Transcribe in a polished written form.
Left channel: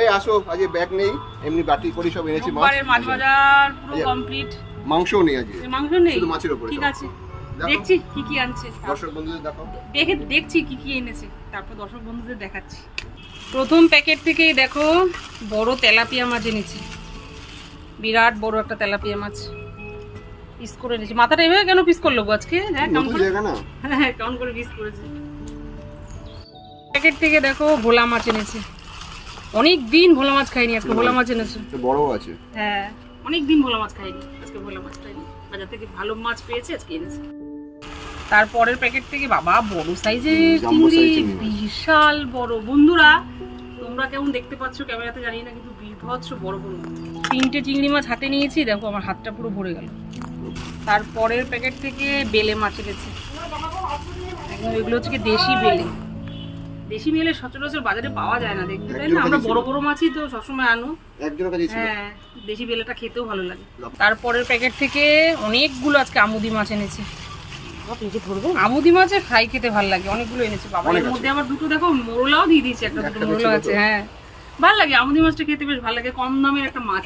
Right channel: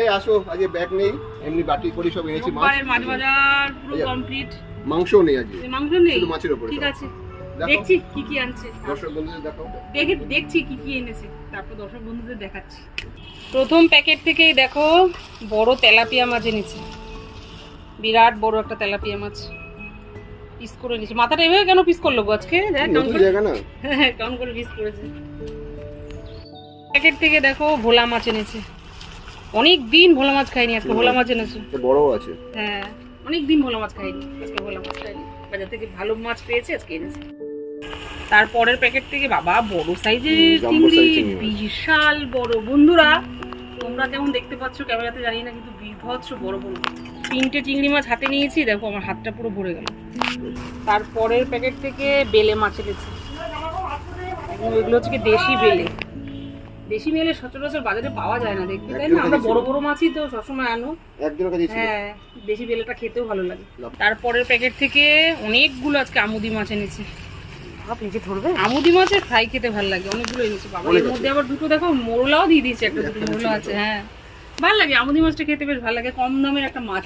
এই আসো, আজকে ব্যাগ নেই, এমনি বাটি করে সব এনেছি। রোববারের মাছ বাজার পুরো কমপ্লিট। মাংসও নেই আজকে। মাংস নেই, শুধু মাছের উপরে। ঠিক আছে, দেখছি কি কি আনছে। দর্শক বন্ধুদের দেখাও। দেখছি কি কি এনেছে, তারপর দর্শক বন্ধুদের দেখাচ্ছি। প্রথম প্যাকেট থেকেই দেখো বড় তেলাপিয়া মাছ এনেছি, বিরাট বড় একটা তেলাপিয়া মাছ পিস করে এনেছি। মাথাটা এভাবে কেন পিস করলো আজকে? কেমন করে, হ্যাঁ কেমন করে পিস করেছে। প্যাকেট থেকে দেখো ভোলা মাছ এনেছে, অনেক দিন ভোলা মাছ খাইনি, আজকে ভোলা মাছ এনেছে। বড় আছে, হ্যাঁ অনেক দিন ভোলা মাছ খাইনি, আজকে ভোলা মাছ খাইনি। বাজার থেকে ভালো মাছ পেয়েছে, আজকে এনেছে। তারপরের প্যাকেট থেকে বাবা বড় সাইজের চিংড়ি, বিশাল বড়। বন্ধুরা তোমরা কেমন দেখতে পাচ্ছ ক্যামেরাতে জানি না, কিন্তু বিভৎস বড় বড় 3টে চিংড়ি মাছ হাতে নিয়েছি। দেখো আমার হাতটা পুরো ভরে গেল। তারপরের প্যাকেট থেকে বেলে মাছ এনেছে, এগুলো হচ্ছে কি দেশি বেলে। দেশি বেলে সচরাচর বাজারে পাওয়া যায় না, দেখতে তাই না? আমরা বড় বড় মাছই তো সবসময় আনো। হ্যাঁ দেশি বেলেটা খেতেও ভালো লাগে। তারপরের প্যাকেট থেকে অনেকগুলো আজকে আমুদি মাছ এনেছে। আমুদি মাছের ফ্রাই খেতে ভালো লাগে, অনেকগুলো এনেছে বাবা। এর মধ্যে আবার দুটো দেখো মোরলাও দিয়ে দিয়েছে, একটা দুটো মোরলা আছে। হ্যাঁ ভালো লাগে, আমুদি মাছটা খেতে বেশ ভালো লাগে, কম দামের একটা মাছ।